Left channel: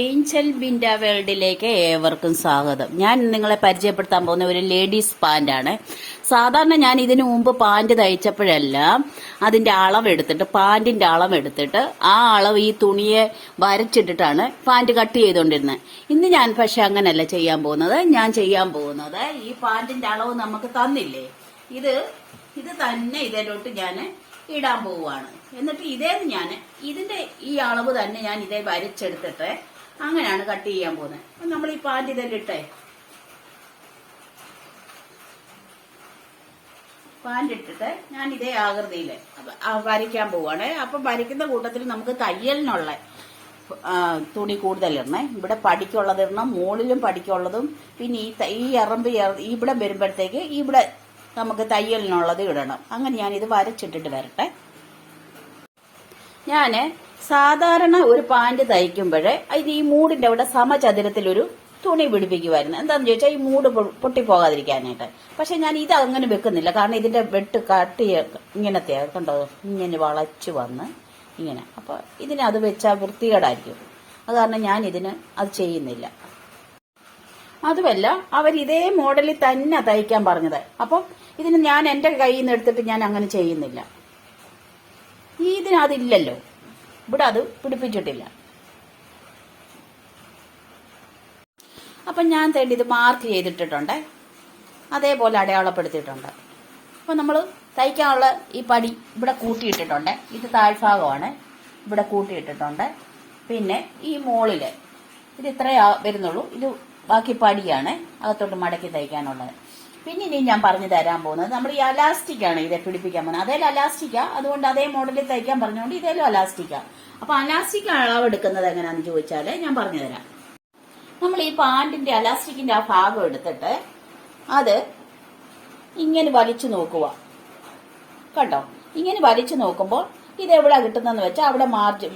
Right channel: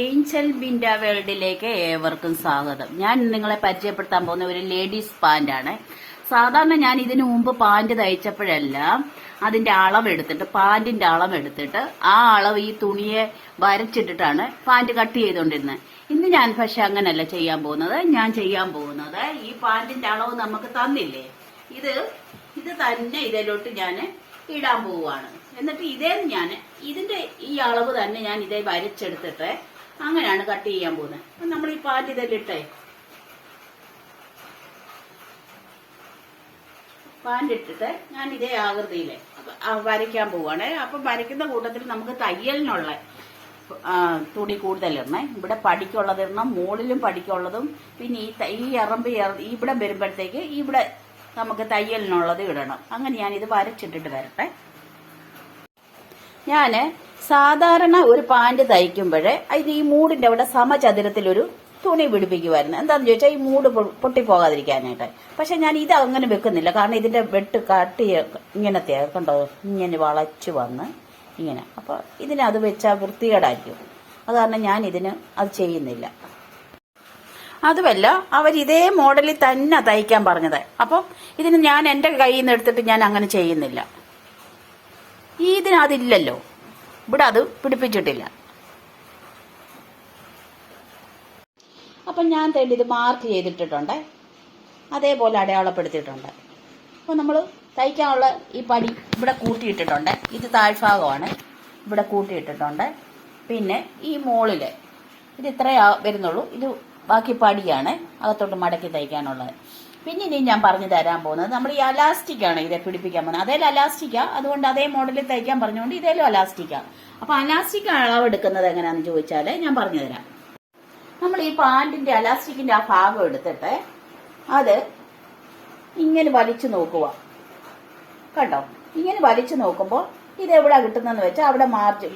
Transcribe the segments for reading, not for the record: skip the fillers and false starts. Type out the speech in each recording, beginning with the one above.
Angel Binda വേൾഡിലേക്ക് ഏവർക്കും സ്വാഗതം. ഞാൻ നിങ്ങളെ പരിചയപ്പെടുത്താൻ പോകുന്ന ഒരു ലേഡീസ് പാന്റാണ്. സാധാരണ ഞാൻ ഇതിനു മുമ്പ് പാന്റ് തയ്ച്ചപ്പോഴെല്ലാം അതിന്റെ അളവെടുത്തിട്ട് പാന്റിന്റെ അളവെടുത്തിട്ട് ആ അളവ് ഈ തുണിയെ വരച്ചിട്ടിട്ടാണ് പാന്റ് കട്ട് ചെയ്തുകൊണ്ടിരുന്നത്. ഇന്ന് ഞാൻ പക്ഷെ അങ്ങനല്ല ചെയ്യാൻ പോകുന്നത്. ഞാൻ ചെയ്യാൻ പോകുന്നത് ഈ പാന്റിന്റെ അളവ് നമുക്ക് തന്നില്ലേ, ഇത് തന്നെ ഇതിലോട്ട് ഞാൻ ഇടാൻ പോവുകയാണ്. എന്നിട്ട് ഇതിന്റെ ഈ അളവ് തന്നെ ഞാൻ ഇതേ വരച്ചെടുത്തിട്ട് അങ്ങനെയാണ് കട്ട് ചെയ്യാൻ പോകുന്നത്. അപ്പൊ നമ്മൾ ഈ പാന്റ് ഇതെല്ലിട്ടേ പാന്റ് ഇട്ടിട്ട് ഞാൻ ഇതേ ആകൃതിയില് വരയ്ക്കാൻ പോവാണ്. അപ്പൊ വരയ്ക്കുന്ന കൂട്ടത്തിൽ നമുക്ക് തയ്യലിനുള്ള തുണി കൂടുതലിടണം. ഇവിടെ പടിക്കുള്ളത് ഇടണം, മുകളിലും പടിക്കുള്ളതും, പിന്നെ ഈ എറമ്പ് ഇവിടെ വരുമ്പോഴത്തേക്ക് ഇവിടെ നമുക്ക് തയ്യലിനുള്ളത് ഇടണം. അങ്ങനെ ഞാനിത് വരച്ചിട്ടിട്ട് വരട്ടെ. ഞാന് സാധാരണ ഒരു പാന്റ് തയ്ക്കുമ്പോഴേ അതിന് ഈ മൂടിന്റെ അവിടെ സമചതുരത്തിലൊരു തുണി പിടിപ്പിക്കുമായിരുന്നു. എന്താണെന്ന് ചോദിച്ചാൽ ഈ മൂട് പൊട്ടിപ്പോകാതിരിക്കാനായിട്ട്. പക്ഷെ ഞാൻ ഇത് അങ്ങനെ വെക്കുന്നില്ല, കാരണം ഇതിന്റെ വെട്ട് കട്ടി ഇങ്ങനത്തെ കണ്ടോ, ഇങ്ങനെ വളച്ചു വന്ന് ഇങ്ങനെ. അപ്പൊ അത് വെച്ചാൽ വൃത്തികേടായിരിക്കും. അത് കാരണം ഞാൻ അത് ചെയ്യുന്നില്ല. അതുമല്ല, അവരിതേ മോഡലിൽ തന്നെ തയ്ക്കാൻ പറഞ്ഞത്. അപ്പം ഞാൻ എന്റെ കയ്യിൽ നിന്ന് എടുത്തിട്ട് ഞാൻ അങ്ങനെ ചെയ്യുന്നില്ല. അതില്ലല്ലോ, ഇവിടെ അത് പിടിപ്പിച്ചിട്ടില്ല. അപ്പം ഞാൻ ഇത് മാർക്ക് ചെയ്തിട്ടിട്ടുണ്ട്, അതേപോലെ അടയാളപ്പെടുത്തിയിട്ടുണ്ട്. അപ്പം നമ്മൾ തയ്ക്കാനുള്ള ഈ പടി ഇവിടെ കൂട്ടിയിട്ടിട്ടുണ്ട്. ഇത് താഴ്ഭാഗമാണ്, ഇവിടെ കൂട്ടിയിട്ടിട്ടുണ്ട്. പിന്നെ ഈ മോളില് ഇത് ഇത്രയേ വരുന്നുള്ളൂ. ഇത് ബാക്കി പടിയാണ് അകത്തോട്ട് മടക്കി തയ്ക്കാനുള്ളത്. പിന്നെ ഇനി ഞാൻ പറഞ്ഞു തരാൻ പോകുന്നത് നമ്മൾ ഈ അലാസ്റ്റിക്കാണ് ഇതെ പിടിപ്പിക്കാൻ പോകുന്നത്. അതേലും അലാസ്റ്റിക്കാ, അതുകൊണ്ട് അതേ മോഡലിൽ തയ്ക്കാൻ പറഞ്ഞുകൊണ്ട് ഇതേലും അലാസ്റ്റിക്കാ. അപ്പൊ അലാസ്റ്റിക് അളവെടുക്കുന്നത് എങ്ങനെയാണെന്ന് ചോദിച്ചാല് ഞാൻ പറഞ്ഞു തരാം. നമ്മൾ ഈ പാന്റിന്റെ അലാസ്റ്റിക്കിന്റെ ആ ഭാഗം എടുത്തിട്ട് അത് ഇങ്ങനെ വലിച്ചു നോക്കുക. കണ്ടോ, ഇങ്ങനെ വലിച്ചു നോക്കുമ്പോൾ ഇത് എവിടെ കിട്ടുന്നതെന്ന് വെച്ചാൽ അവിടെ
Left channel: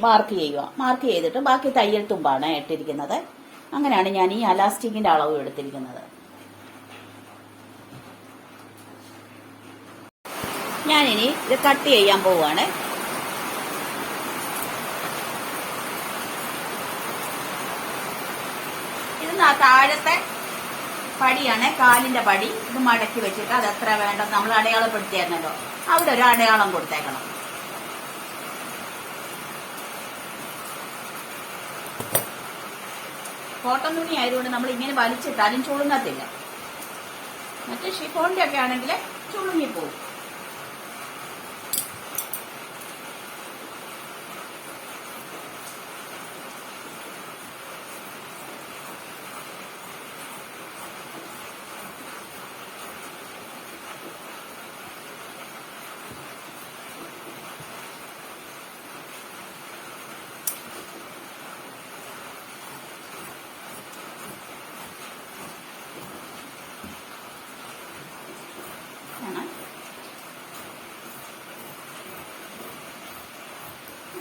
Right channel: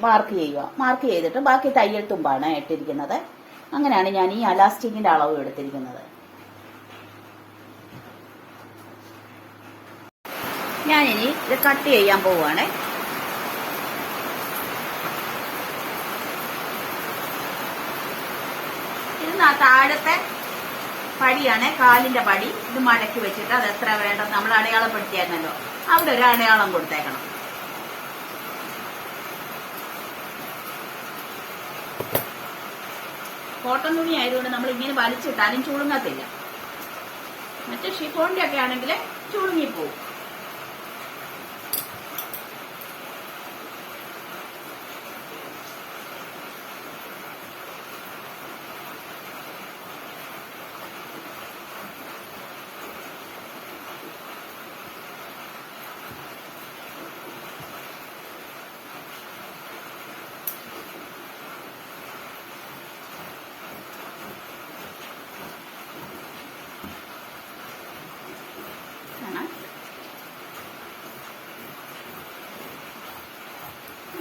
മാർക്ക് ചെയ്യുക. മാർക്ക് ചെയ്തിട്ട് ബാക്കി തയ്യൽ തുമ്പാണ് ഇട്ടിരിക്കുന്നത്. അങ്ങനെയാണ് ഞാൻ ഈ അലാസ്റ്റിക്കിന്റെ അളവ് എടുത്തിരിക്കുന്നത്. ഞാനിനി ഇത് കട്ട് ചെയ്യാൻ പോവുകയാണ്. ഇത് താഴത്തെ പടിയാണ്, കാലിന്റെ പടി. ഇത് മടക്കി വെച്ചിട്ട് അത് എത്ര വേണ്ടെന്ന് നമ്മൾ അടയാളപ്പെടുത്തിയായിരുന്നല്ലോ, അവിടെ ഒരു അടയാളം കൊടുത്തേക്കണം. കോട്ടൺ തുണി ആയതുകൊണ്ട് നമ്മൾ ഇങ്ങനെ വലിച്ചിട്ടാലും ചുളുങ്ങത്തില്ല. മറ്റു ഷിഫോണിന്റെ ഒക്കെ ആണെങ്കിൽ ചുളുങ്ങിപ്പോവും.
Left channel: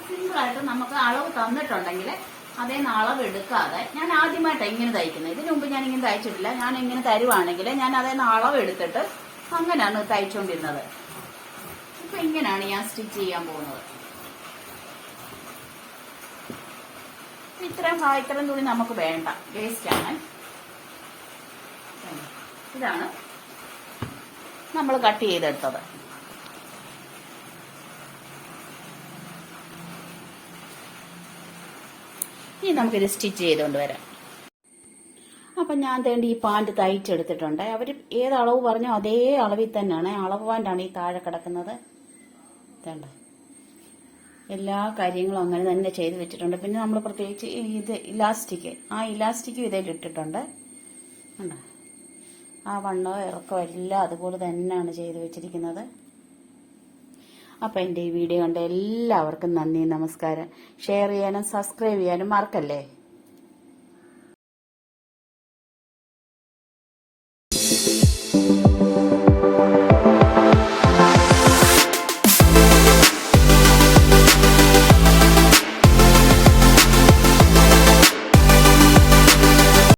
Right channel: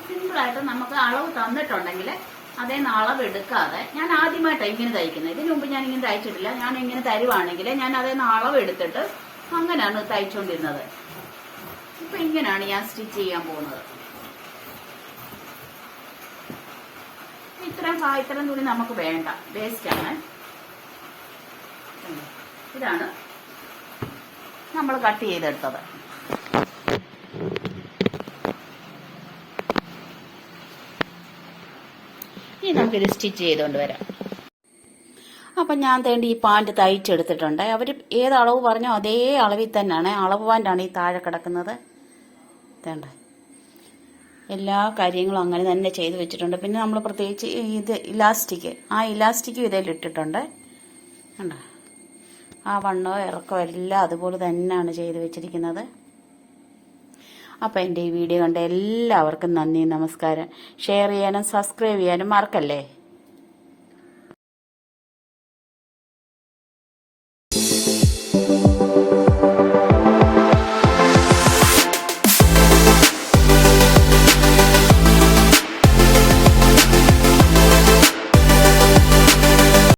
സിമ്പിളായിട്ട് നമുക്ക് അളവ് തന്നിട്ടുണ്ടെങ്കിൽ അതേ അളവ് എടുക്കാതെ, ഞാൻ ആദ്യമായിട്ടാണ് ഇങ്ങനെ തയ്ക്കുന്നത്. ഇതിനു മുമ്പ് ഞാൻ ഇങ്ങനെ തയ്ച്ചിട്ടില്ല. ഞാൻ ഇങ്ങനെ തരുവാണെങ്കിൽ ഞാൻ അതേ അളവ് എടുത്തിട്ട് അങ്ങനെയാണ് തയ്ച്ചുകൊണ്ടിരുന്നത്. ഇപ്പൊ ഇങ്ങനെയാണ് ഞാൻ സ്റ്റിച്ച് ചെയ്യാൻ പോകുന്നത്. ഇത്രയും തുണി നമുക്ക് വേണ്ട, വേസ്റ്റ് ആണ്. ഇതാണ് നമ്മൾ കട്ട് ചെയ്തെടുത്തത്. ഇനി നമുക്കിത് സ്റ്റിച്ച് ചെയ്തുകൊണ്ട് വരാം. അപ്പം ഞാൻ തേണ്ടി ഈ പാന്റ് തയ്ച്ചെടുത്തിട്ടുണ്ട്. അവർ ഏത് അളവ് പറഞ്ഞോ അതേ അളവിൽ തന്നെയാണ്. അളവ് പാന്റാണ് ഈ താഴെ കിടക്കുന്നത്. തേണ്ട എല്ലാ കാര്യങ്ങളും അങ്ങനെ തന്നെ ചെയ്ത് വെച്ചിട്ടുണ്ട്. പിന്നെ നമ്മൾ പ്രത്യേകിച്ച് ഇത് ആ ഇലാസ്റ്റിക്കും ഇതിലിട്ടിട്ടുണ്ട്. കണ്ടോ, ആ വണ്ണവും ഇറക്കവും എല്ലാം അതുപോലെ തന്നെയാണ് ചെയ്ത് വെച്ചിരിക്കുന്നത്. അപ്പം എൻ്റെ ഈ വീഡിയോ കണ്ട എല്ലാവർക്കും നന്ദി, നമസ്കാരം. ഷെയർ ചെയ്യാനും സബ്സ്ക്രൈബ് ചെയ്യാനും മറക്കല്ലേ.